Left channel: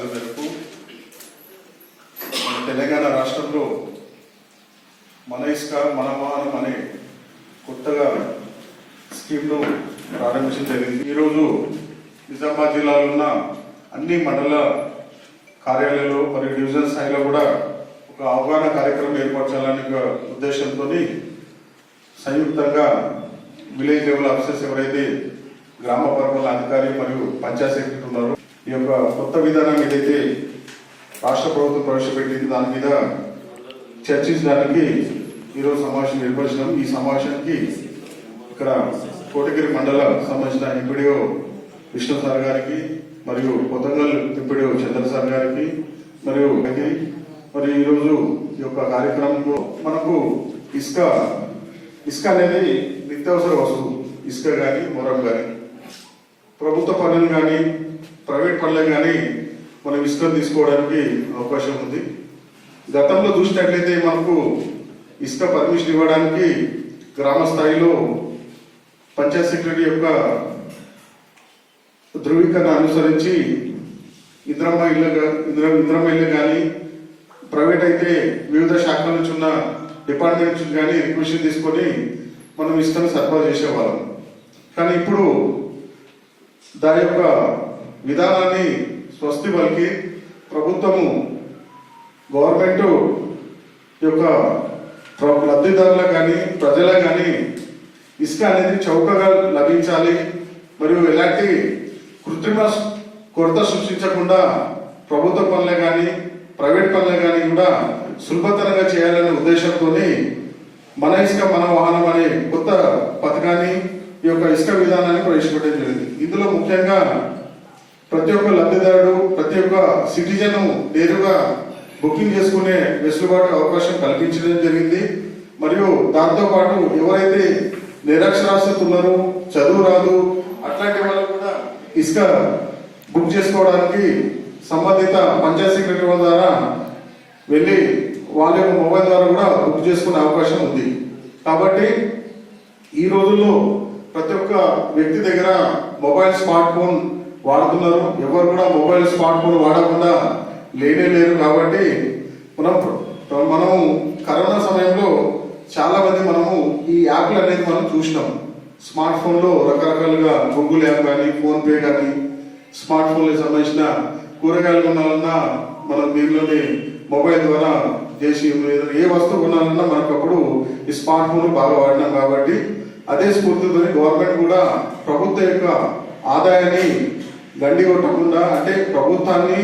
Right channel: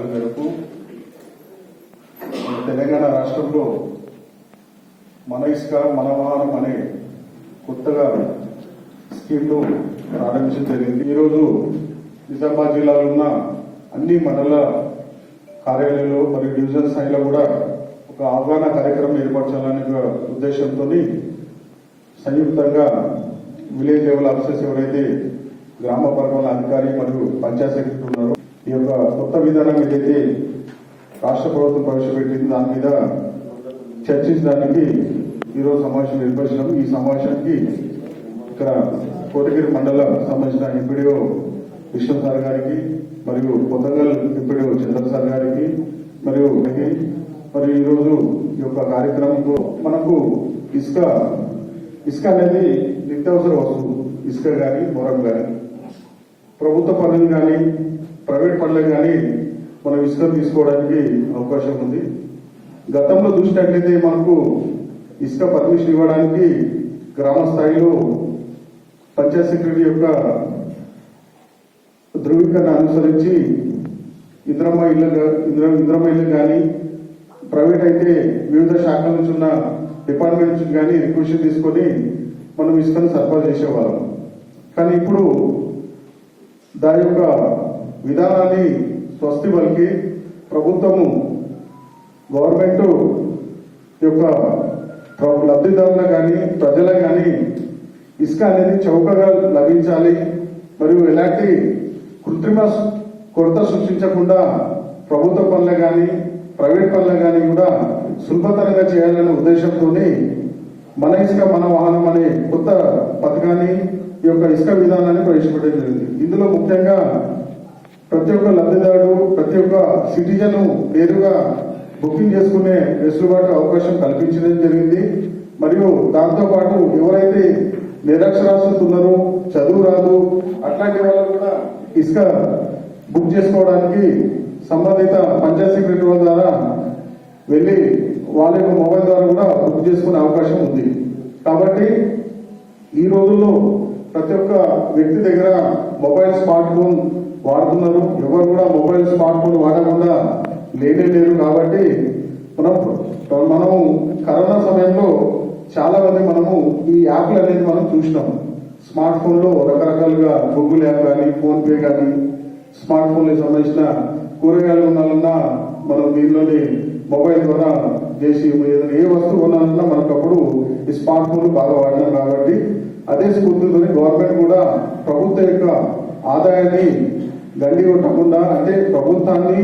ఆదేశాల మేరకు తెలంగాణ రాష్ట్రంలో మన ఇసుక మన వాహనం అనే కొత్తగా స్కీమ్ను ప్రారంభించడం జరిగింది. ఈరోజు నిజామాబాద్ జిల్లాలో ఉన్న అన్ని మండల కార్యాలయాల్లో మరియు డివిజన్ స్థాయిలో కూడా ఒక అవగాహన కార్యక్రమం ఏర్పరచాలనే ఉద్దేశంతో సంయుక్తంగా విలేజ్ లెవెల్ ఆఫీసర్స్ ఎవరైతే గ్రామ పరిపాలన అధికారి మరియు పంచాయత్ సెక్రటరీ ఉన్నారో ఈ యొక్క కొత్త విధానం ఏదైతే రాష్ట్ర ప్రభుత్వం ప్రవేశపెట్టింది దాని మీద చర్చించడానికి ఈరోజు సమావేశం ఏర్పరిచినాం. ఈ సమావేశానికి ఇక్కడ కోటగిరి మండల సంబంధించిన ఎంపీడీఓ విష్ణు సార్ గారికి మరియు కొత్తగల్ ఎంపీడీఓ చంద్ర సార్ గారికి మరియు ఈరోజు ఈ యొక్క కార్యక్రమంలో మనకు ఇసుక అనేది నిత్యావసర వస్తువు. ఇసుక కానీ మొరం కానీ ప్రభుత్వ పనులు కానీ ప్రైవేట్ పనులు కానీ మనం ఇసుక తీసుకోవడానికి అవకాశం ఉంది. గతంలో చూసినట్లయితే మనకు ఇసుక పర్మిషన్ ఇవ్వడానికి గ్రామ స్థాయిలో పంచాయత్ సెక్రటరీ యొక్క ధృవీకరణ అనుసరించి ఇంద్రమ్మ ఇల్లు కానీ ప్రైవేట్ అయితే వివిధ శాఖల నుంచి ఉన్న డిపార్ట్మెంట్ నుంచి కానీ రిక్వెషన్ తీసుకొని మనం ఇసుకను సరఫరా చేసేవాళ్ళం. కానీ ఇప్పుడు దాని యొక్క విధానాన్ని స్వస్తి పలికి ప్రభుత్వము గవర్నమెంట్ యొక్క లబ్ధిదారులు కానీ ప్రజలు కానీ ఇసుక అనేది చౌకగా లభించాలి మరియు ఎలాంటి కృత్రిమ కొరత సృష్టించకుండా ప్రభుత్వ పనులు కానీ ప్రైవేట్ పనులు కానీ కూడా సులభతరంగా చేయాలనే ఉద్దేశంతో మన ఇసుక మన వాహనం అనే కొత్త పథకాన్ని ఈ యొక్క ఇసుక విధానాన్ని ప్రవేశపెట్టడం జరిగింది. ఇందులో ముఖ్యంగా ప్రతి ఒక్క లబ్ధిదారుడు ప్రతి ఒక్క సిటిజన్ నేరుగా బుకింగ్ చేసుకునే వెసులుబాటు అవకాశం కల్పించడం జరిగింది. మరియు దాంతోపాటు ఎవరైతే నిరక్షరాస్యత ఉన్నారో చదువు రాదు అట్లాంటి వాళ్ళు కూడా ఇసుక బుక్ చేసుకోవడానికి సంబంధిత పంచాయత్ సెక్రటరీ ద్వారా వెళ్ళి వాళ్ళ యొక్క మొబైల్ ద్వారా కూడా బుక్ చేసుకునే అవకాశం ఉంది. కాబట్టి ఈ రోజుల్లో ప్రతి ఒక్క వ్యక్తి దగ్గర మొబైల్ స్మార్ట్ ఫోన్ వాడుతున్నారు. ఎవరు కూడా మొబైల్ స్మార్ట్ ఫోన్ వాడకుండా లేరు. కాబట్టి మనం కరోనా సమయంలో చాలా మంది మనము ఈ యాప్లు అనేది మనం చూసినాం. స్మార్ట్ ఫోన్లో రకరకాలుగా గూగుల్ యాప్ కానీ ఫోన్పే కానీ స్మార్ట్ ఫోన్కి సంబంధించిన కూరగాయలు కొనాలన్నా మనం దీనిలోని మొబైల్ ద్వారా చేసి ఏ వస్తువు కొనాలన్నా మనకు అప్పుడు ఈ స్మార్ట్ ఫోన్ బాగా వాడినాం. కాబట్టి అదే స్ఫూర్తితో గవర్నమెంట్ కూడా ప్రభుత్వ యొక్క ఆదాయాన్ని గండి కొట్టకుండా అంటే ప్రభుత్వాన్ని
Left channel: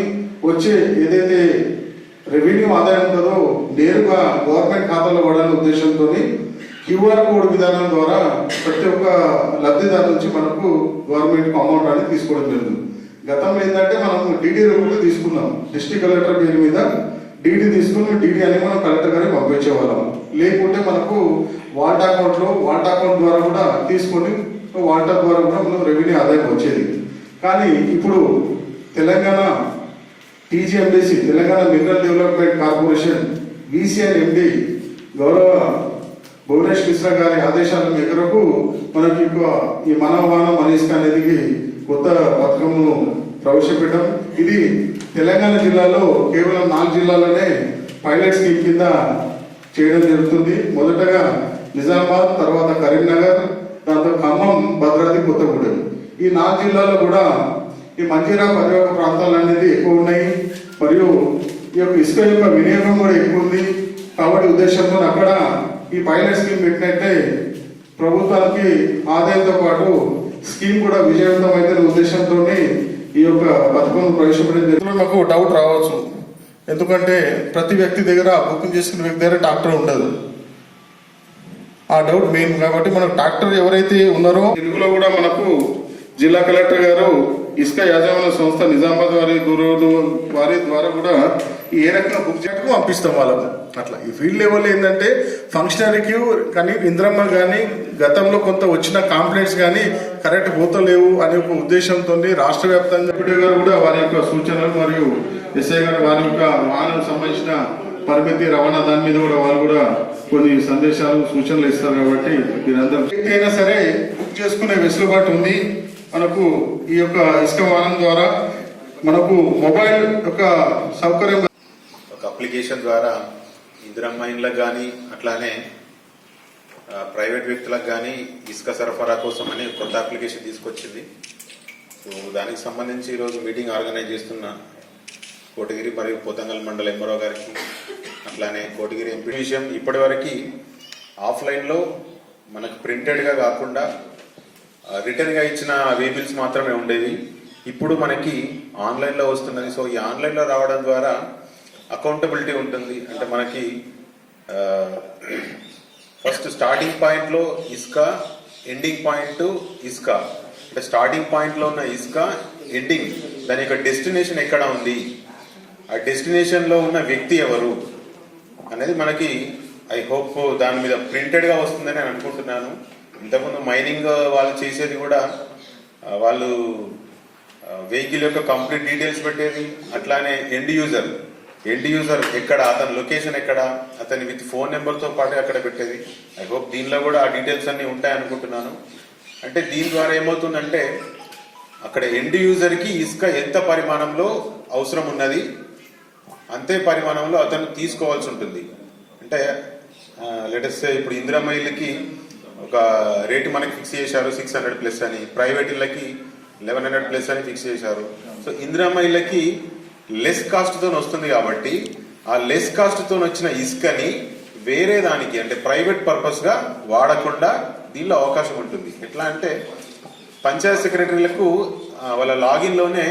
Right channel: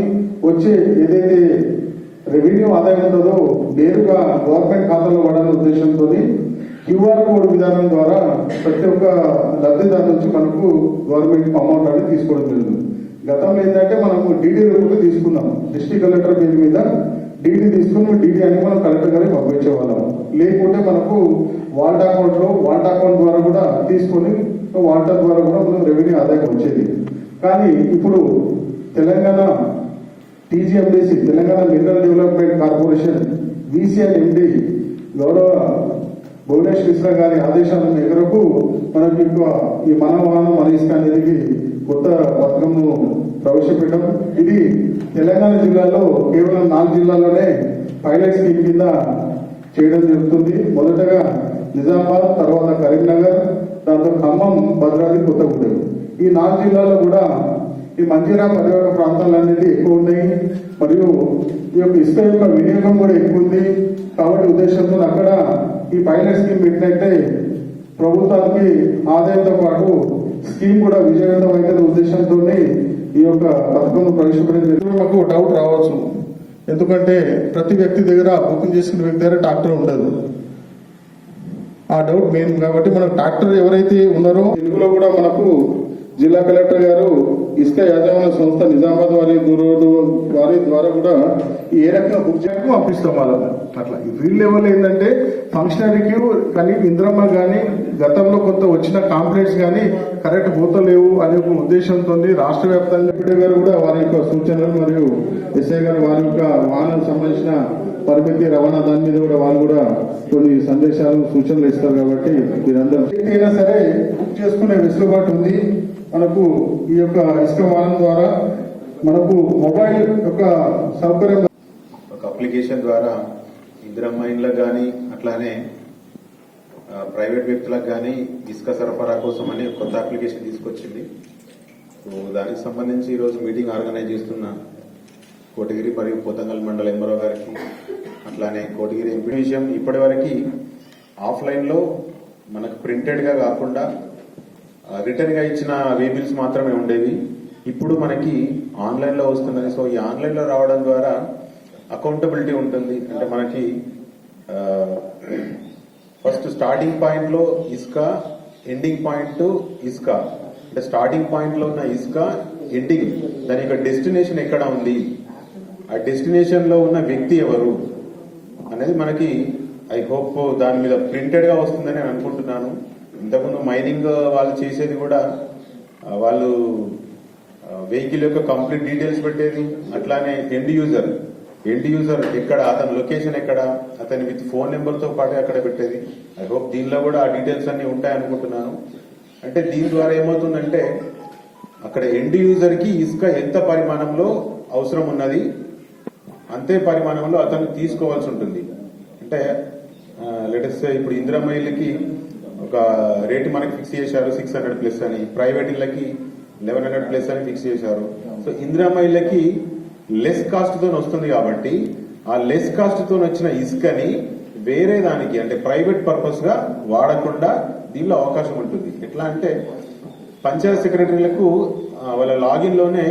వచ్చే ఏదైతే రెవెన్యూ ఆదాయం ఉంటుందో నేరుగా గవర్నమెంట్ ఖాతాలో పడాలనే ఉద్దేశంతో క్యూఆర్ కోడ్ విధానం ద్వారా ప్రతి ఒక్క లబ్ధిదారు నుంచి మనకు గవర్నమెంట్ అమౌంట్ అనేది తీసుకోవడం జరుగుతుంది. గతంలో ఏంటంటే మనం డీడీ రూపంలో తీసుకున్నాం. డిస్ట్రిక్ట్ కలెక్టర్ పేరు మీద డీడీ తీసుకుని డీడీ అనేది మనం కలెక్టర్ గారికి పంపించేవాళ్ళం. లేకుంటే మనకు వాల్ట్ అకౌంట్ ద్వారా కూడా తీసుకొని వాల్టర్ ద్వారా కూడా మనం రెవెన్యూ ఆదాయం వచ్చేది. కానీ ఇప్పుడు Telangana TGMDC Telangana mineral development corporation VCN MD గౌరవ భువనేష్ మిశ్రా గారి ఆదేశాల మేరకు మనకి ఈ మనవాహనం మన ఇసుక అనేది కొత్త పథకంను ప్రవేశపెట్టడం. ఇది తెలంగాణ జిల్లాలో కేవలం 4 జిల్లాలోనే పైలట్ స్కీమ్ కింద చేయడం జరుగుతుంది. మొదటగా నిజామాబాద్, తర్వాత కరీంనగర్, దాంతో ఖమ్మం, భద్రాద్రి, కొత్తగూడెం. ఈ 4 జిల్లాలో కూడా ఈ మంజీరా పరివాహక ప్రాంతాలు అనేది ఎక్కువ ఉన్నాయి. మరియు ఈ యొక్క ఇసుక యొక్క వినియోగం కూడా ఎక్కువ ఉంది. కాబట్టి ఉద్దేశంతో అక్కడ ఈ పైలట్ స్కీమ్ పెట్టినట్టే ప్రభుత్వానికి ఆదాయంతో పాటు స్కీమ్ కూడా విజయవంతం అయితే ఉద్దేశంతో ఈ యొక్క పథకం ప్రవేశపెట్టిన నాకు డౌట్ రావచ్చు. ఎందుకంటే ప్రతి వ్యక్తి దగ్గర బుకింగ్ చేసుకున్న వ్యక్తి దగ్గర ట్రాక్టర్ ఉండదు. ఆ డౌట్ మెయిన్. కాబట్టి మనకు ట్రాక్టర్ ఎవరైతే ఉన్నారో తెలుగులో కూడా మనకు జిల్లా కలెక్టర్ గారు ఇసుక యాజమాన్య సంస్థ నిజామాబాద్ వారి ద్వారా కూడా ఏ రకంగా బుక్ చేయడానికి పంపిస్తాం వాళ్ళకు. అట్లా ఈ ఫీల్డ్ లెవెల్ ఏంటంటే ఫంక్షనరీకి కానీ ఇంద్రమ్మ కానీ గతంలో కొంత వచ్చిన కాంప్లైంట్స్ కానీ కరెక్ట్ పోతలేవు అనే ఒక ఉద్దేశంతో రాష్ట్ర వ్యాప్తంగా ఎంపీడీ గారు కూడా వారి యొక్క సూచనలు మరియు ఎస్ఐ గారు వారి యొక్క వాహనం సంబంధించిన పరిమితి రవాణా దాని మీద కూడా వాళ్ళు కూడా కొన్ని సందేశాలు సూచనలు ఇస్తారు. కాబట్టి మీరందరూ అయినా సరే బుక్ చేసుకునే వెసులుబాటు ఉంది మనకు ఈ యొక్క ఇసుక వాహనం ద్వారా. మనకు మొబైల్ యొక్క సౌకర్యం ఒక అప్లికేషన్ ద్వారా ఇందిరమ్మ ఇండ్లకు కానీ అట్లానే ప్రైవేట్ వ్యక్తులకు కానీ ఇసుక సరఫరా కోసం అని కొత్త అప్లికేషన్ తీసుకొచ్చింది. సో దానికి సంబంధించి ఈరోజు మీటింగ్ ఆర్గనైజ్ చేస్తున్న కోటగిరి మరియు పోతంగల్ మండల ఎంఆర్ఓ గారికి అట్లానే కోటగిరి ఎంపీ విషయం ఇప్పటి వరకు ఆఫ్లైన్లో మనకు ప్రింటెడ్గా కాకుండా రిటర్న్గా ఇచ్చిన వే బిల్స్ మాత్రమే ఉండేవి. ఇప్పుడు మనకి ఆన్లైన్లో వస్తున్నది. సో ఈ ఆన్లైన్లో రావడం ద్వారా అకౌంటబిలిటీ ఉంటుంది. అంటే మనకి ఫస్ట్ స్టార్టింగ్ పాయింట్లో ఇసుక, ఎండింగ్ పాయింట్ ఇసుక, అంటే స్టార్టింగ్ పాయింట్లో ఉన్న ఇసుక, ఎండింగ్ దాని యొక్క డెస్టినేషన్ ఎక్కడ ఉంది, ఆ డెస్టినేషన్లో ఉన్న వ్యక్తి ఎవరు అనేది మనకి ఐ హోప్ దాని మీద ప్రింటెడ్గా వస్తుందని నేను అనుకుంటున్నాను. ఇంతకుముందు మైనింగ్ వాళ్ళు చేసేది కూడా వాళ్ళు వెహికల్ యొక్క కంప్లీట్ డీటెయిల్స్ పెట్టేది. అట్లానే ఎండ్ యూజర్ ఎక్కడ, అతని లొకేషన్ ఎక్కడ, అతని విత్ ఫోన్ నెంబర్తో పాటు అక్కడ పెట్టేది. ఐ హోప్ దీనిలో కూడా ఆ డీటెయిల్స్ అన్ని ఉంటాయి అనుకుంటున్నాను. అంటే దీని ద్వారా ఏమవుతుందంటే అక్కడ ఎండ్ యూజర్కి ఇసుక ఎంత పరిమాణంలో అవసరం ఉన్నది అంతే పరిమాణంలో అతను తీసుకోవాల్సి ఉంటుంది. అంటే లెటెస్ట్ ఇప్పుడు ఇందిరమ్మ ఇళ్ళకి ఒక రేటు మనకి ఫిక్స్ చేశారు 600 ప్లస్ అని, ప్రైవేట్ ఇళ్ళకి 1100 ప్లస్ అని ఫిక్స్ చేశారు. సో ఇందిరమ్మ ఇళ్ళకి లెస్ కాస్ట్తో వస్తుంది కాబట్టి ఆ లెస్ కాస్ట్తో వచ్చిన ఇసుకని వేరే దానికి అంటే ప్రైవేట్ పర్పస్గా వాడకుండా దీనిలో అవకాశం ఉంటుంది. ఎట్లా అంటే పంచాయత్ సెక్రటరీలకు వాళ్ళ లాగిన్లోనే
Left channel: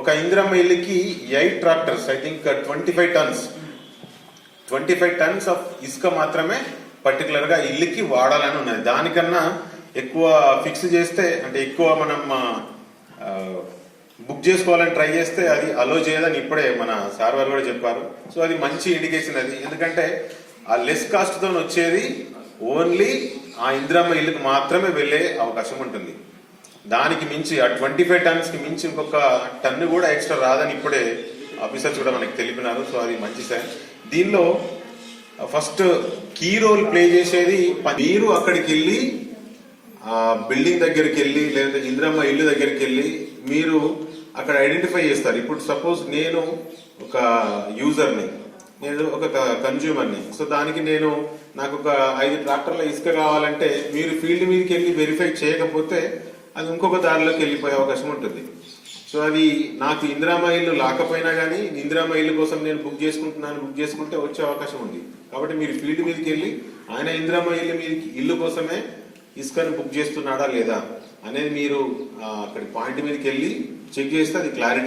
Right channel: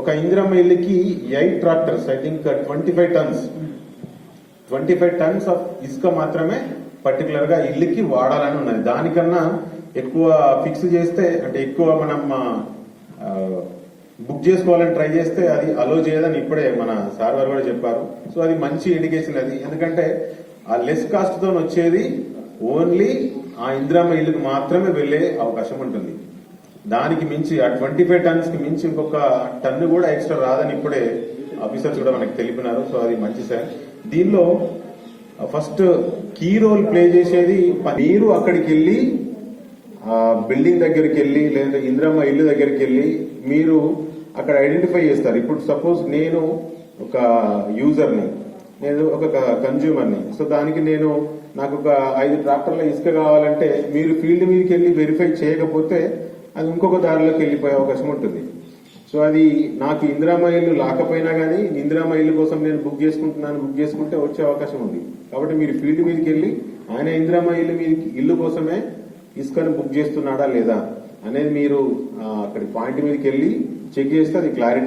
ఒక ఇందిరమ్మ ఇల్లుకి 8 tractors I think 25 tons of ఇసుక మాత్రమే పర్టికులర్గా ఇల్లుకి వాడాలని ఉన్నది. దానికన్నా ఎక్కువ ఫిక్స్ చేస్తే అంటే ఎక్కువ మనం బుక్ చేసుకోవాలని ట్రై చేస్తే అది అలో చేయదని ఇప్పుడే మన సార్ వారు కూడా చెప్పారు. సో అది మంచి ఇండికేషన్ అది. ఎందుకంటే ఆ లెస్ కాస్ట్తో వచ్చేది ఓన్లీ ఆ ఇందిరమ్మ ఇల్లుకి మాత్రమే వెళ్ళే అవకాశం ఉంటుంది. దానికి మించి ఆ 25 టన్స్కి మించి ఇంకొక టన్ను కూడా ఎక్స్ట్రా రాదని ఇప్పుడే ఆఫీసర్స్ కూడా మనకి తెలిపినారు. సో అది మంచి సార్. దీనిలో ఫస్ట్ కీ రోల్ ప్లే చేసేది మీరు అక్కడికి వెళ్ళి బిల్డింగ్ దగ్గరికి వెళ్ళి లేదంటే ఇందిరమ్మ ఇల్లు దగ్గరికి వెళ్ళి మీరు అక్కడ ఐడెంటిఫై చేస్తారు. ఇప్పుడు సపోజ్ నేను ఒక యూజర్ని, నేను ఒక కన్జ్యూమర్ని. సో దానికి నాకు ఒక 5 ట్రాక్టర్ల ఇసుక కావాలంటే మీరు ఫీల్డ్ మీదకి వెళ్ళి వెరిఫై చేయకపోతే అది ఇంకొక దారిలోకి వెళ్ళిపోయే అవకాశం ఉంటుంది. సో అది నాకు ఇందిరమ్మ ఇల్లు లేకపోయినా కానీ ఇందిరమ్మ ఇల్లు కోసం నేను బుక్ చేసుకుంటే వచ్చే అవకాశం ఉంది. కాబట్టి మీరు ఫీల్డ్ మీదకి వెళ్ళి ఆయన ఇందిరమ్మ ఇల్లు కోసమే ఇసుకను బుక్ చేస్తున్నాడా లేదా అనేది మీరు అక్కడి పాయింట్ మీదకి వెళ్ళి చెక్ చేస్తే అది క్లారిటీ